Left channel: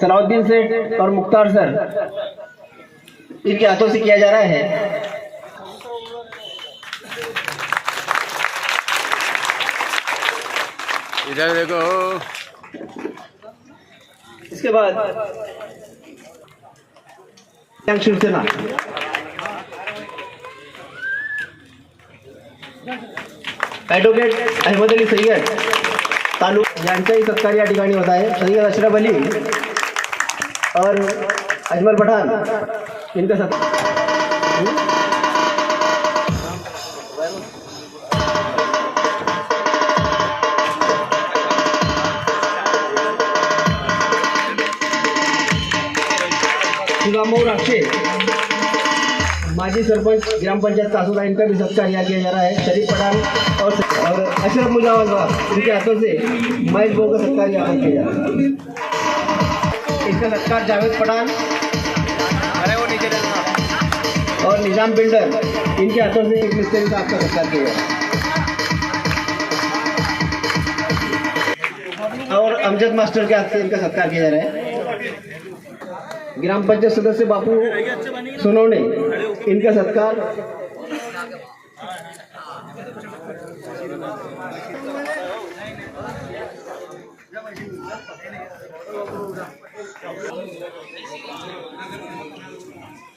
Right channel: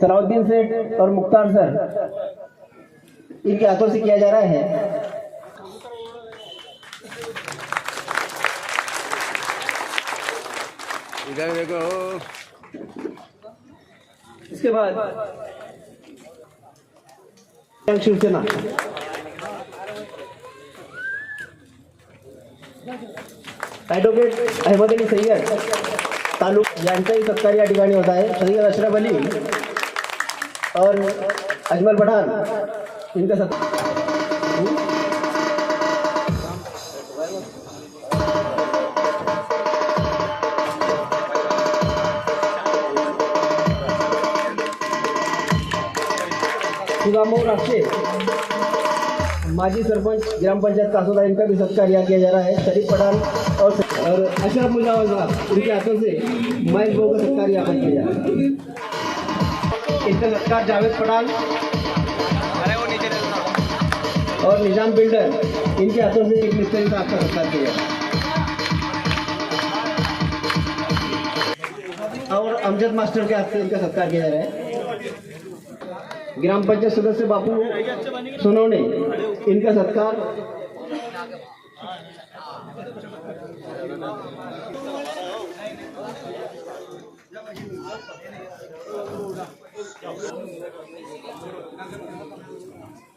सलाउद्दीन सेठ और मुख्तार सर, इनके हाथों से किया जा रहा है। इधर देखो। इसके बाद शिवसेना ॲडव्होकेट अहमद अली सय्यद यांचाही सत्कार या ठिकाणी होत आहे। सय्यद अशरफ अली और अजमल पठान इनका सत्कार। सुदामऊ राक्षे माजी सरपंच ग्राम पंचायत कासोदा, इनका भी सत्कार यहाँ किया जा रहा है। शरीफ पठान और अशरफ मुजावर इनके हाथों से महेश भाऊ का सत्कार यहाँ पर किया जा रहा है। इसका सत्कार जावेद पठान और निजाम बिल्डर, इनके हाथों से एक मिस्त्री का आपका सत्कार किया जा रहा है। और अमजद मास्टर के हाथ से इनका सत्कार किया जा रहा है। ग्राम पंचायत सदस्य बापू सोनवणे, इनका सत्कार।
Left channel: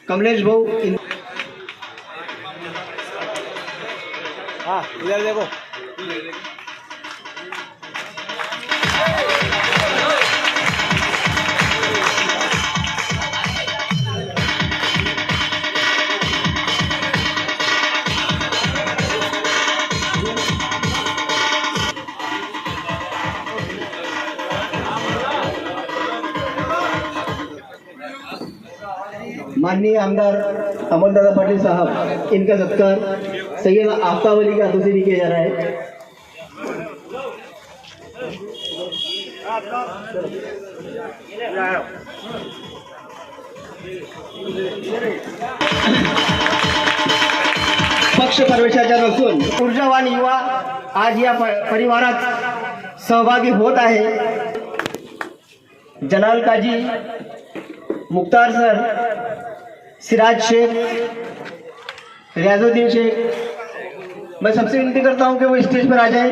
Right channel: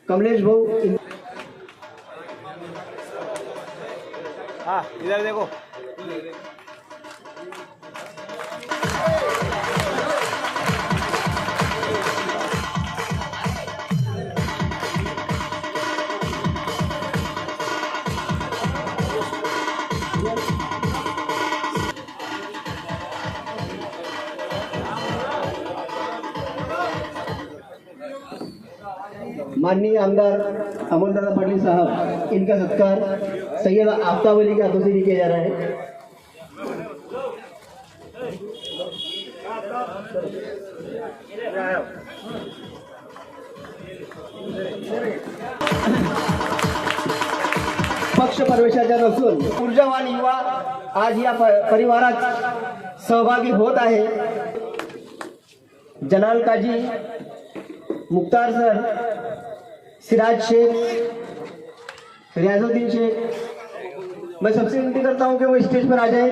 कमलेश भाऊ, हाँ इधर देखो। माननीय आमदार अमरदादा पाटिल साहब, इनका सत्कार सैयद आफ्ताब अली के हाथों से भी किया जा रहा है। पक्ष प्रवेशाच्या नसून ऊर्जावान युवा आज या परिवारात सहभागी होत आहे। जलाल काजी, मुख्तार सर, सिराज शेख, रियाजुद्दीन शेख, मैं सबसे विनती करता हूं कि वो स्टेज पर आ जाए।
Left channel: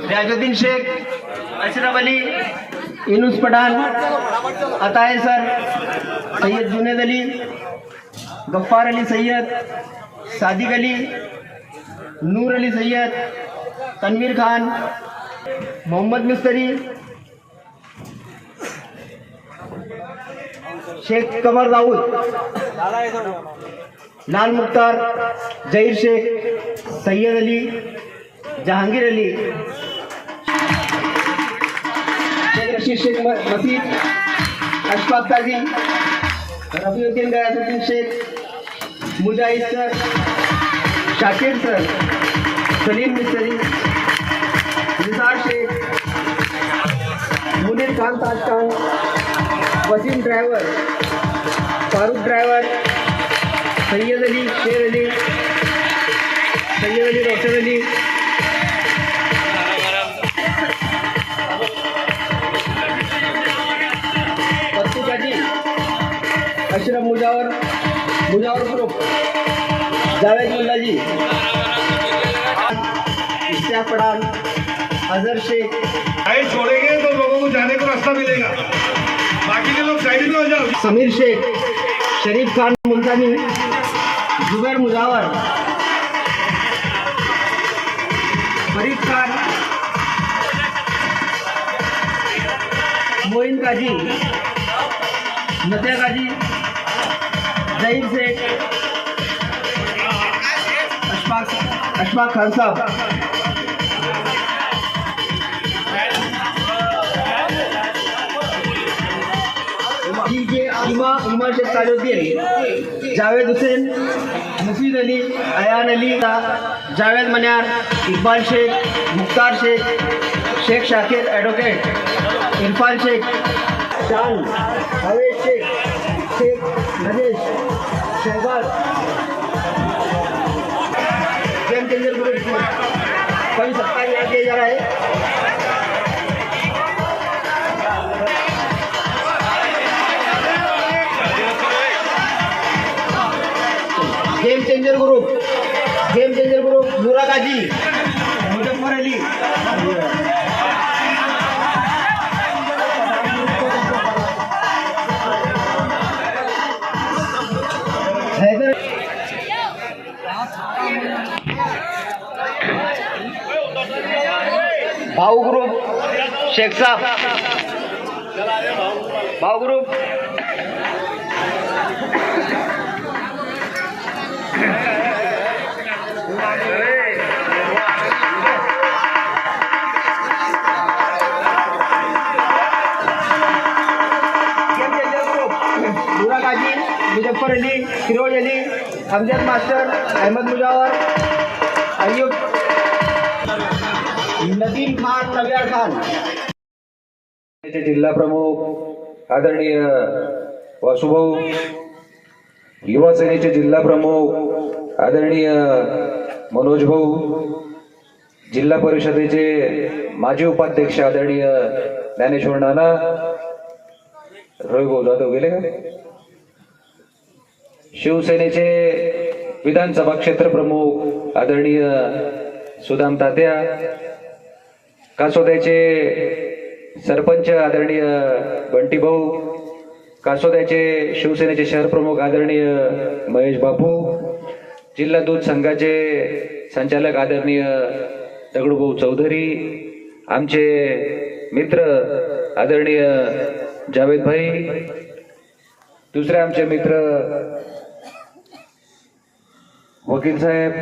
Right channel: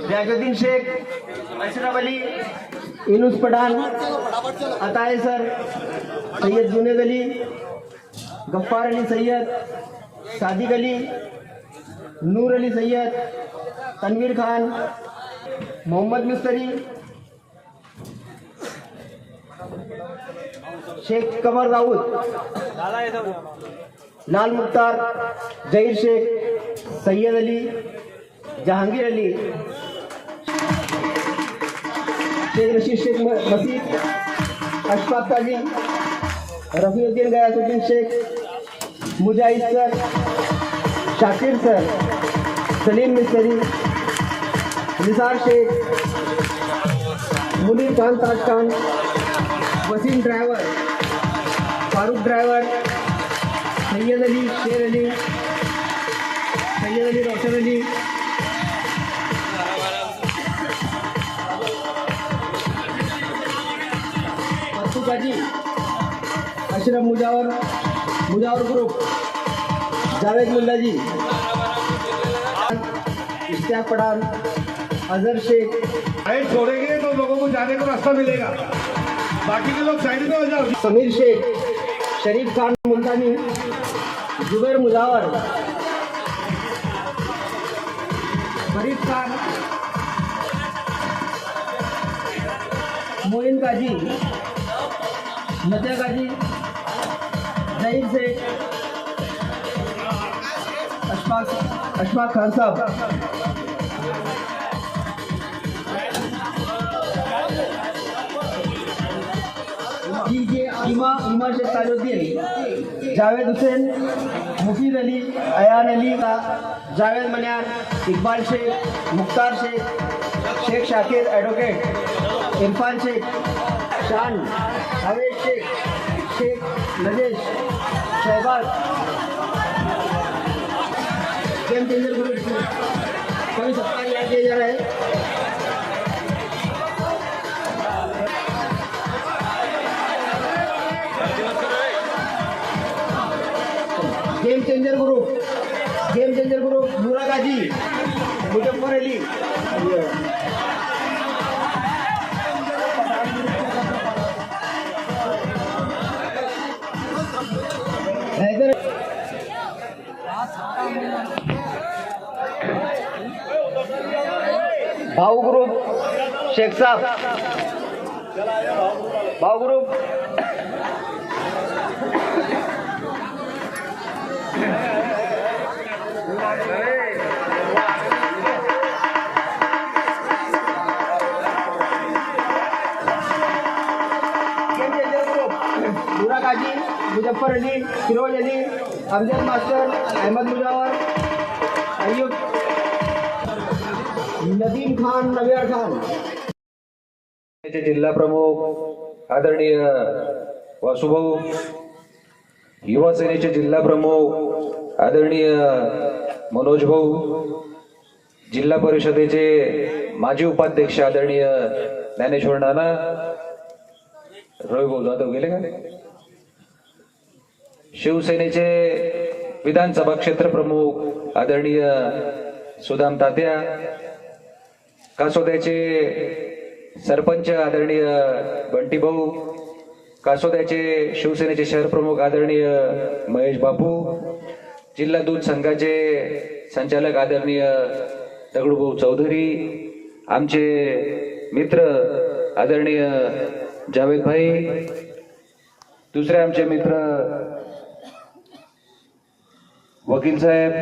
रियाजुद्दीन शेख, अशरफ अली, इनुस पठान, अताए सर, सैयद जुनेद अली, गफ्फार अली सैयद, सादिक अली, नूर अली सैयद, तनवीर खान, मोहम्मद मिस्त्री, शेख कमर दाऊद, लाल मुख्तार, जहीर शेख, सैयद अली, जहांगीर अली, शेख रशीद शेख मसीद, अशफाक काजी, रफीउद्दीन गयासुद्दीन शेख, मुजाहिद सर, शाकिर सर, सलीम मिस्त्री, निसार शेख, मुनीर खान ताजखान, वसीम ड्राइवर, फारूक ड्राइवर, सैयद अली, शेर अली, सैयद अली, रोशन अली, पत्तू काजी, अशरफ मुजावर ग्रुप, जावेद मुल्ला जी, इश्तियाक पठान, अजहर शेख। साइड छोड़ेंगे तो लोगों को जाने का रास्ता मिलेगा, बाकी के लोग साइड में हो जाओ। समीर शेख, शरीफ खान मुल्तानी, जुबैर मुजावर, फरीद खान, मोइन काजी, नतिया काजी, जहीर शेख, अशफाक खान साहब, इमा शेख ताजुद्दीन, जावेद हुसैन, मुफीद अली, अयान अली, जावेद मनियार, इकबाल शेख, मुख्तार शेख, शेख शाकिर, एडवोकेट इरफान शेख, शान, हवेद Shaikh, Shaikh Najesh, Shahbaz, game changer group का भी सत्कार याद किया जा रहा है। गेम चेंजर ग्रुप नूरा गाजी, मुजफ्फर अली, हैदर, भाऊ ग्रुप शेख साहब, भाऊ ग्रुप नूरा गाजी, मुजफ्फर अली, फिरोज अली, अमजद मास्टर, अहमद मुजावर, अयूब, नदीम खान, नव्यार खान। जिल्हा प्रमुख आदरणीय वासुभाऊ, युवा सेनेचे जिल्हा प्रमुख आदरणीय मनोज भाऊ, जिल्हा परिषदेचे माजी उपाध्यक्ष आदरणीय ज्ञानेश्वर नाना, रवी भाऊ जाधव गेले का? शिवसेनेचे विधानसभा क्षेत्र प्रमुख आदरणीय सुदाम तात्या, कासोद्याचे सरपंच आदरणीय बंटी भाऊ, कासोद्याचे शिवसेनेचे शहर प्रमुख आदरणीय महेश बापू, जिल्हा दूध संघाचे संचालक आदरणीय दगडूभाऊ चौधरी, आमचे मित्र आदरणीय जावेद भाई, दुसरे आमचे मित्र वकील साहेब,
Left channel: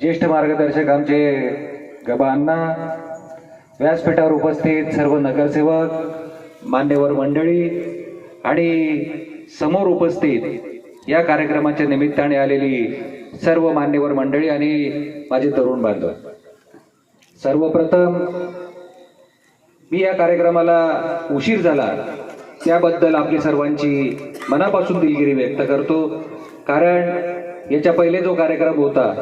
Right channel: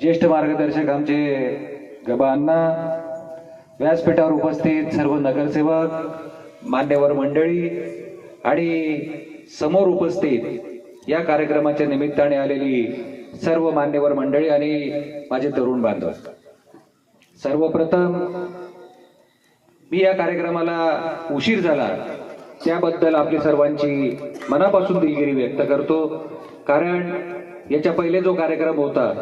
ज्येष्ठ मार्गदर्शक आमचे गबा अण्णा, व्यासपीठावर उपस्थित सर्व नगरसेवक, मान्यवर मंडळी आणि समोर उपस्थित या कार्यक्रमाच्या निमित्ताने आलेली सर्व मान्यवर मंडळी आणि माझे तरुण बांधव, सर्वप्रथम मी या कार्यक्रमाला उशीर झाला त्याबद्दल आपली सर्वांची मनापासून दिलगिरी व्यक्त करतो। कारण याच्या पहिले जो कार्यक्रम होता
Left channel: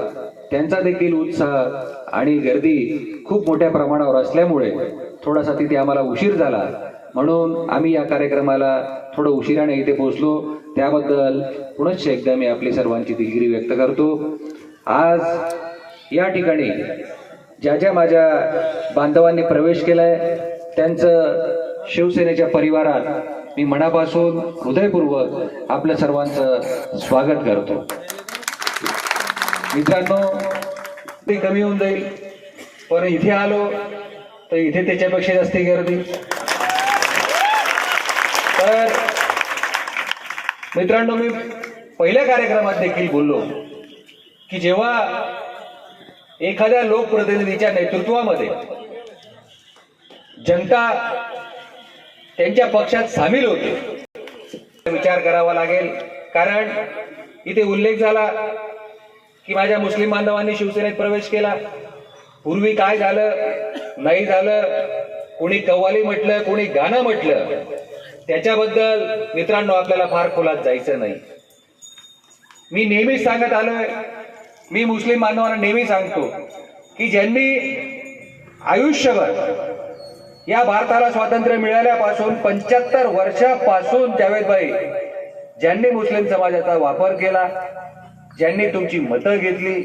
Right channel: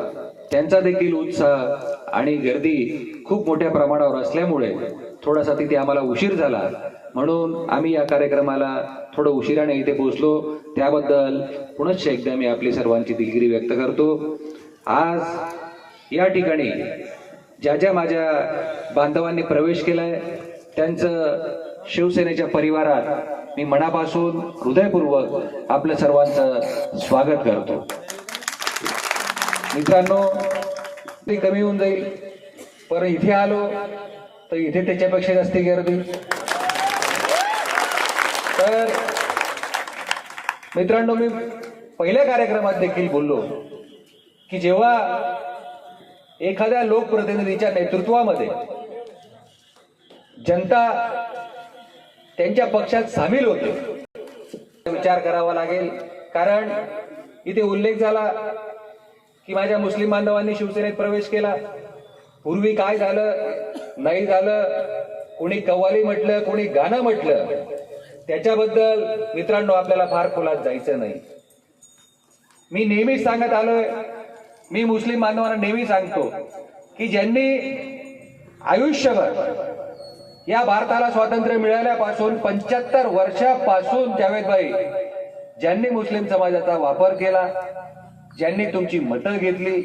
त्यांचा देखील उत्साह आणि गर्दी खूप मोठ्या प्रमाणावर असल्यामुळे थोडासा तिथे आम्हाला उशीर झाला, म्हणून आम्ही या कार्यक्रमाला थोडं उशिराने इथे पोहोचलो, त्याबद्दल पुनश्च एकदा मी आपली सर्वांची दिलगिरी व्यक्त करतो। आज या ठिकाणी ज्या ज्या माझ्या बांधवांनी प्रवेश केलाय त्यांचं शिवसेनेच्या परिवारात मी मनापासून हृदयपूर्वक आपलं सर्वांचं स्वागत करतो। मित्रांनो, ते कमी होऊन जाईल, पण इथे आलो तर इथे त्याच्यापेक्षा जास्त गर्दी। तर मित्रांनो, मी पहिल्या कार्यक्रमात देखील बोललो की जेव्हा एखाद्या लोकप्रतिनिधीच्या नेतृत्वामध्ये जनता त्यांच्या पक्षात सामील होते, विचार करावा लागेल। कारण इथे उल्लेख झाला की माझ्या मुस्लिम बांधवांनी शिवसेनेत प्रवेश केला, पूर्वी काय झालं नाही झालं, कोणी कव्वाली म्हटलं, कोणी गाणं म्हटलं, त्याच्याबद्दल मित्रांनो आपल्याला फार खोलात जायचं नाही। मी नेहमीच सांगत आलोय, मी मुस्लिम बांधवांना नेहमी सांगतो की ज्यांनी आयुष्यभर या भारताला स्वातंत्र्य मिळाल्यापासून 75 वर्षापासून जावेदभाई ज्यांनी मुस्लिम समाजाचा वापर केला, ज्यांनी तुमची मतं घेतली,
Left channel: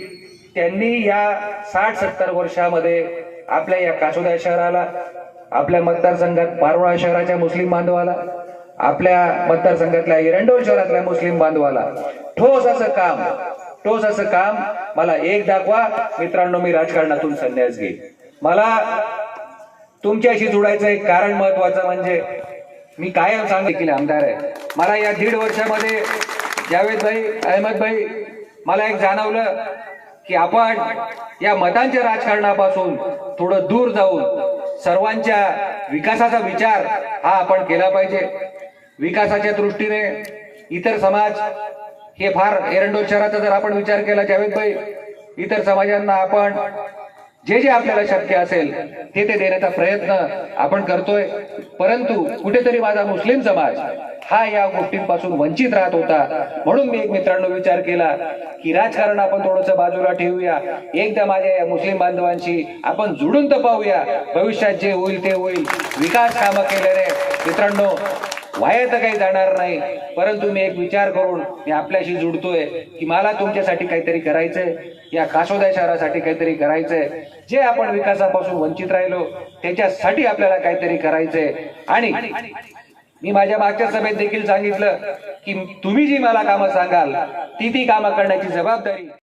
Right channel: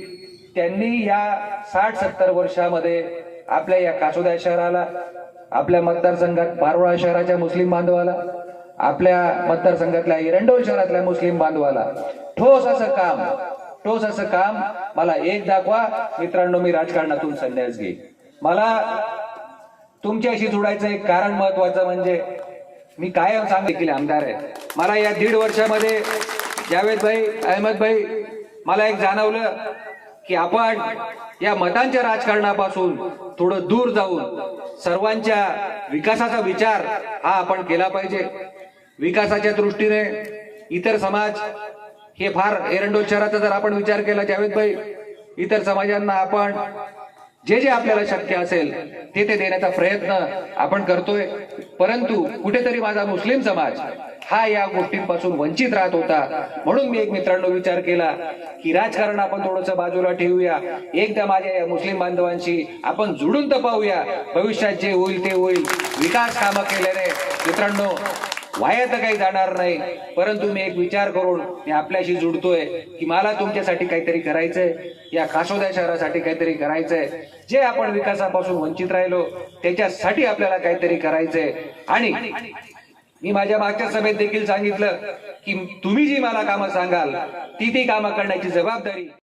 त्यांनी या 60-70 वर्षामध्ये आपल्या या कासोदा शहराला, आपल्या मतदारसंघात पारोळा शहराच्या मुस्लिम बांधवाला, आपल्या मतदारसंघातल्या एरंडोल शहरातल्या मुस्लिम बांधवाला ठोस असं काम मला एक दाखवा। मित्रांनो, मी राजकारणातून संन्यास घेईन। मला तुमच्याशी जोडायचं एक कारण महत्वाचं म्हणजे मी कायम सांगितलं आमदार आहे। मला या 1.5 वर्षामध्ये जावेदभाई, अहमदभाई, मला एक जाणवलं की आपण या मतांच्या राजकारणापासून थोडं दूर जाऊन सर्वांच्या विकासाचा विचार हा आपण केला पाहिजे। विकासाच्या दृष्टीने इतर समाज हे फार, एरंडोल शहराचा जर आपण विचार केला जावेदभाई, इतर समाजांना आपण जे जे आपल्याला शक्य असेल ते देण्याचा प्रयत्न आपण करतोय, परंतु कुठेतरी माझा मुस्लिम समाज हा या गोष्टींपासून वंचित राहत होता. म्हणून मी एक मित्रांनो विचार केला की राजकारण आपण थोडंसं बाजूला ठेवूया, एकदा माझ्या या मुस्लिम बांधवांशी आपण जुळून तर पाहूया. भविष्यात जे होईल ते होईल. विकास कामं केल्याने मित्रांनो वाया तर काही जाणार नाही, परंतु मी एक विचार करून मी आपल्याशी जुडतोय की मला तुमच्यासाठी काहीतरी करायचंय, या कासोदा शहरासाठी काहीतरी करायचंय. जे आपण विकासापासून वंचित राहिलो त्याच्यासाठी आपल्याला काहीतरी करायचंय. आणि मी माझ्या मागच्या सभेत देखील सांगितलं की तुम्ही जी मला कामं सांगाल ती कामं करण्याची जबाबदारी